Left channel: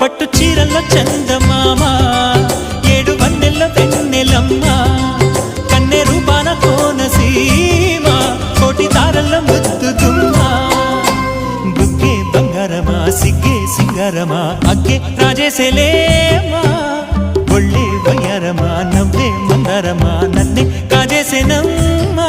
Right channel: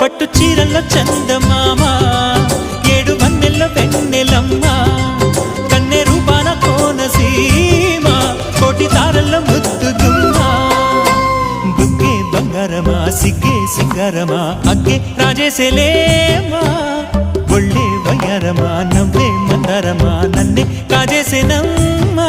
పట్టు చీరల్లో చందమామ ఏడు వన్నెల్లో వెన్నెలమ్మ కన్నె రూపాన కోనసీమ కోటి తారల్లో ముద్దు గుమ్మ బుగ్గే బంగారమా సిగ్గే సింగారమా అగ్గే రాజేసేలేమా ఒళ్ళే వయ్యారమా నవ్వే మందారమా నన్నే కాజేసేనమ్మా